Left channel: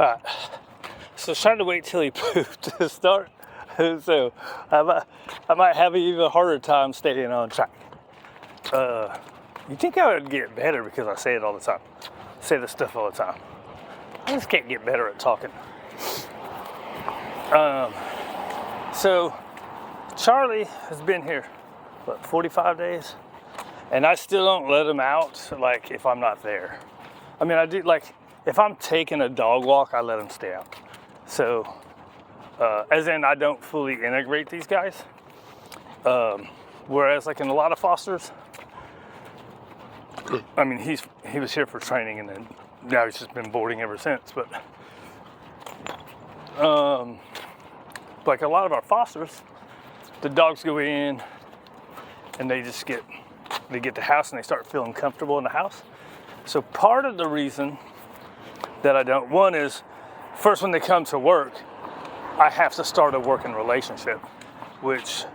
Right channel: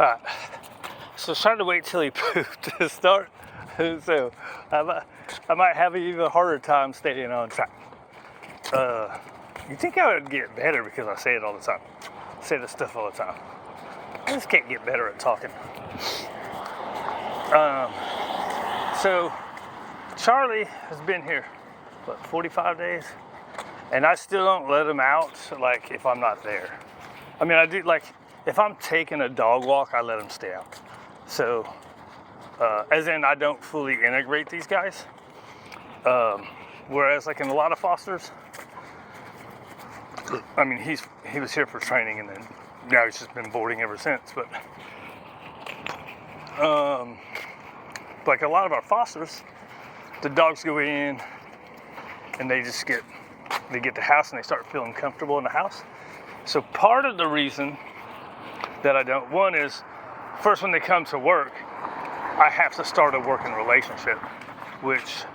Alright, so trying to wait till he pooped to start. So I might have an even harder time staying on track. You think I would get better because I say it all the time. I say this stuff all the time. I just can't get better at talking. So Charlie has been here, what, 45 days? And I still don't let him out, like, if I'm not there. I mean, I do, like, if I'm taking a dog walk, I let him stay out. So, as in, I don't fully integrate these guys. Whereas, like, in a lot of fosters, I mean, he was here for training, and then now he's just been boarding ever since. But, like a lot of our fosters, the dogs go in, and they get the house, and they start feeling comfortable in the house. So part of the reason that I don't, one is, first when they come to work, I have to start a working relationship, which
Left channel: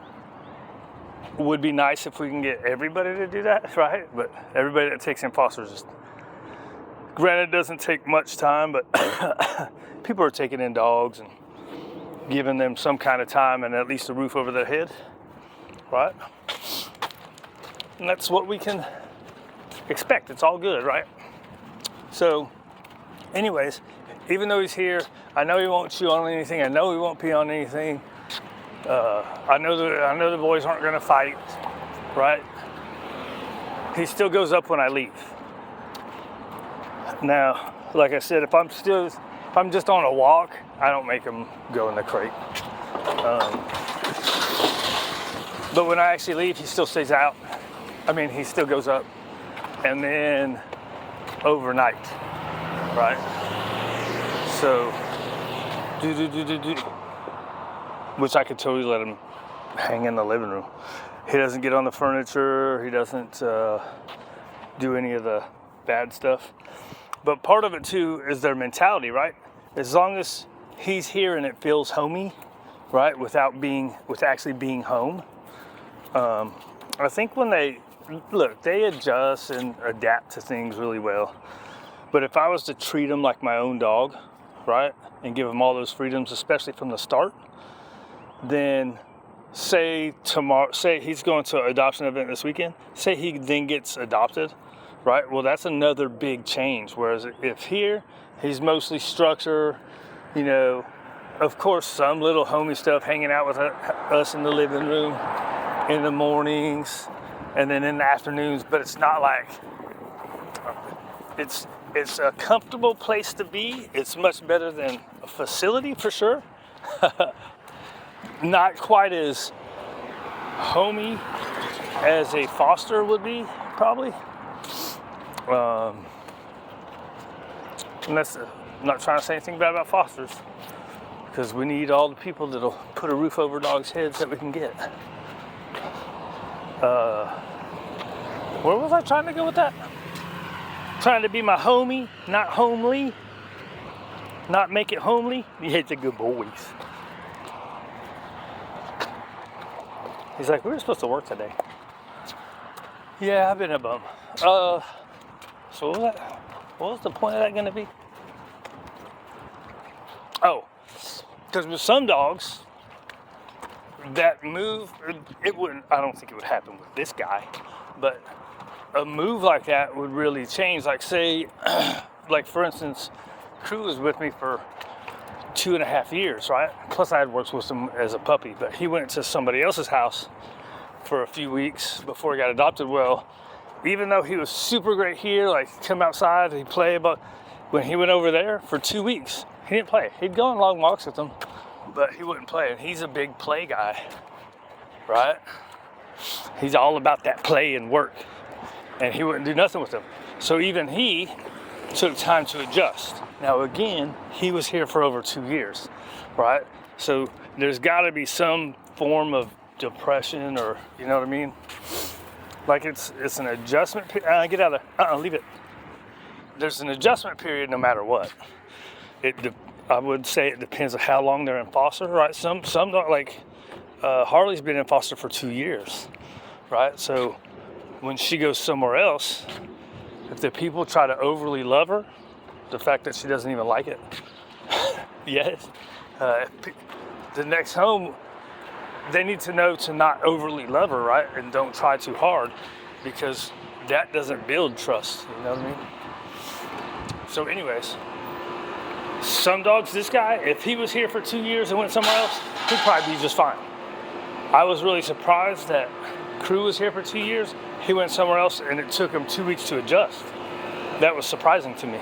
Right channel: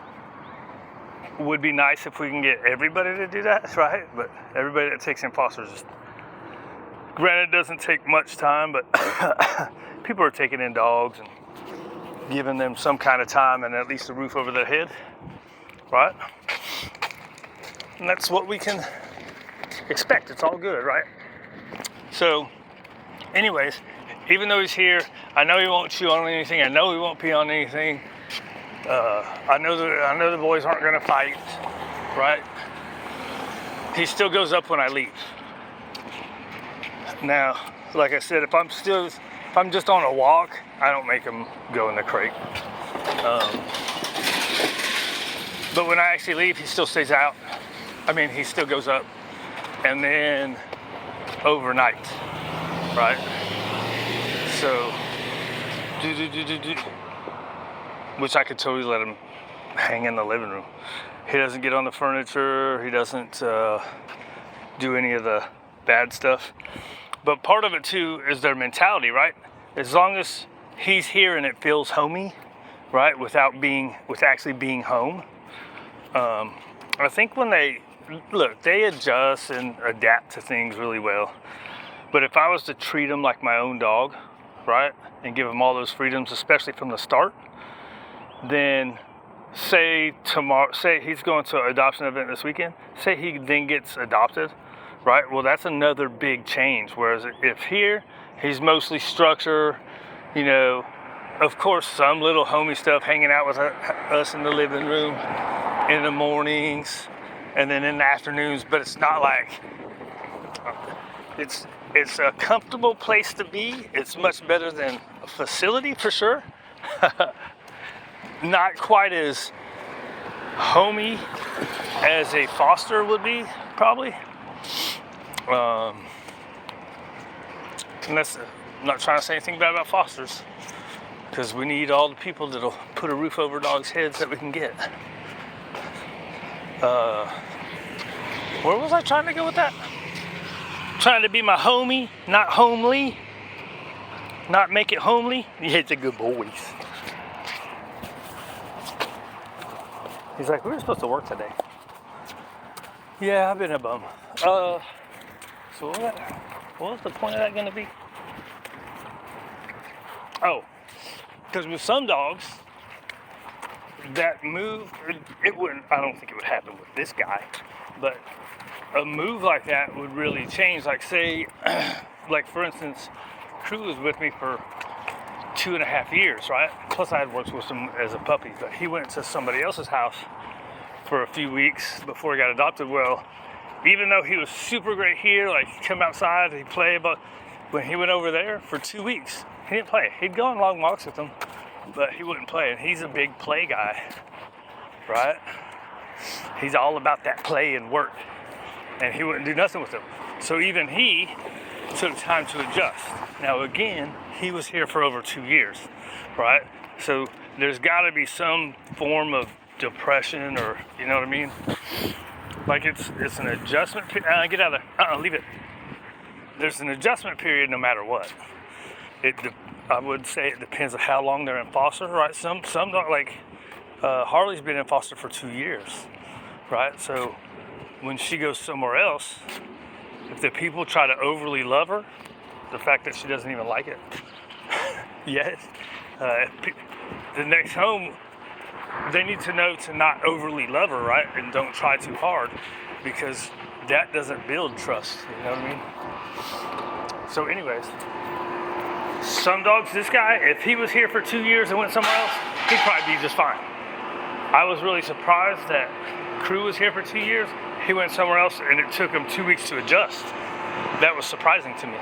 would be nice if we can get everybody to do that, right? But everybody that takes in fosters, just, granted, it doesn't take much time, but people are taking in dogs and giving them some kind of time and at least a roof over their head, right? And that's what we can expect. It's all good, right? So, anyways, even though he's here, I know he won't chew on anything. I know he won't pee on anything. I know the boys aren't going to fight, right? He still goes up when I leave. Now, like I said, if I'm just on a walk, I don't make him go in the crate. But when I actually leave, he still stays out. I mean, he still goes up. And then overnight, right? So, which I could totally let him hang in the living room. He doesn't get on the furniture. He doesn't do any of the bad stuff. But part of it too is their mentality, right? As long as he's here and it feels homey, right? With actually being home. I think when they adjust and adapt to things really well. But if I was to treat them like my own dog, right? And give them all those freedoms, especially from the start, then say he's going to an adoption event this weekend, say he then gets adopted, right? Well, that's another big change. Whereas if here, he's mostly structure, of course, some little homey stuff, hanging out with us in the living room in the mornings and then in the afternoons, but it's not like, it's a comfortable place to be. It's much better than a facility for sure. Not quite as homey as a foster would be, probably. And that's, I'm not trying to say anything bad about fosters, because we need all the people that'll put a roof over dogs' heads that we can get. Where was I trying to go with that? Trying to be my homie, not homely. Not make it homely. Yeah, it's a good boys. He's like, we were supposed to work today. Yeah, I've been a bum. So what was the point of that going to be? Oh, because with some dogs that move, it wouldn't. I don't think it would happen with this guy, but a move like that would really change. Like, say, like for instance, Crew was with me for 2.5 years, right? Plus I had worked with him as a puppy, but he went to somebody else's house for a few weeks before he got adopted. Well, even though he was super great here, like he'd come outside, he'd play, but when he went over there for 2 weeks, he didn't play. He'd go on long walks with them, but he wouldn't play. And he's a big play guy, right? He's all about that play and work. And he wouldn't do nothing with them. So even he took time to adjust. Now again, he was here for over 2 years, right? So there's got to be some form of depression, or you know what I mean? Like it's an adjustment period. Get out of there. Leave it. There's an adjustment period no matter what. I would say it depends on how long they're in foster, right? Some don't, like Harley's been in foster for 2 years, right? So when she goes somewhere else, if the people try to overly love her, the fact that she doesn't even like it, Yes. Uh, the next home, they need to know to not overly love her, right? And don't try too hard, because that doesn't build trust. You know what I mean? So anyways, some dogs, this guy, if he was here for 2 years and went somewhere else, he'd probably be just fine. I was really surprised that Crew was here for 2 years. He went somewhere else and it took him 2 weeks to adjust. That was surprising to me.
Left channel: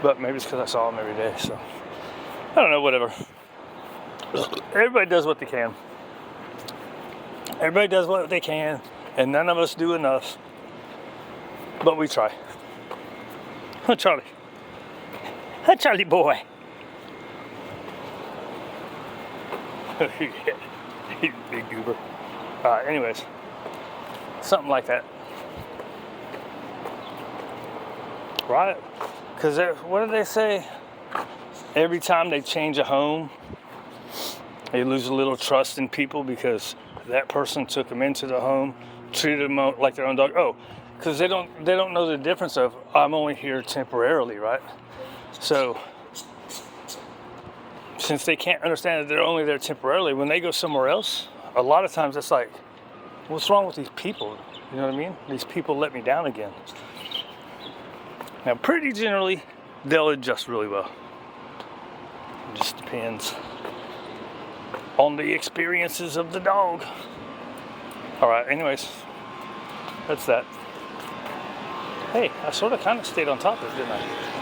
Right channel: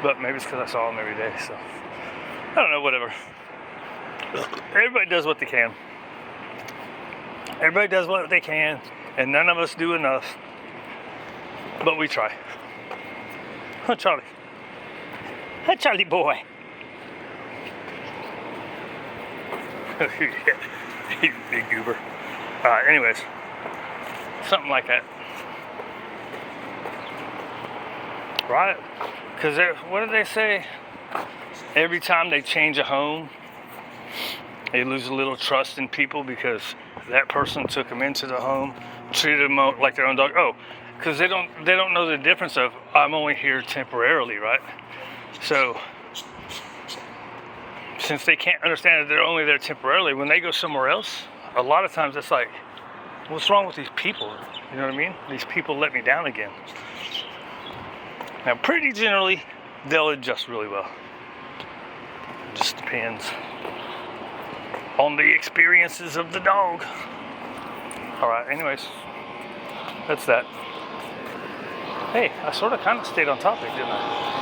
But maybe it's because I saw him every day, so I don't know, whatever. Everybody does what they can. Everybody does what they can, and none of us do enough. But we try. Huh, Charlie? Huh, Charlie boy? He's a big goober. Anyways, something like that. Right? Because what do they say? Every time they change a home, they lose a little trust in people because that person took them into the home, treated them like their own dog. Oh, because they don't know the difference of I'm only here temporarily, right? So since they can't understand that they're only there temporarily, when they go somewhere else, a lot of times it's like, what's wrong with these people? You know what I mean? These people let me down again. Now, pretty generally, they'll adjust really well. It just depends on the experiences of the dog. All right, anyways, that's that. Hey, I sort of kind of stayed on topic, didn't I?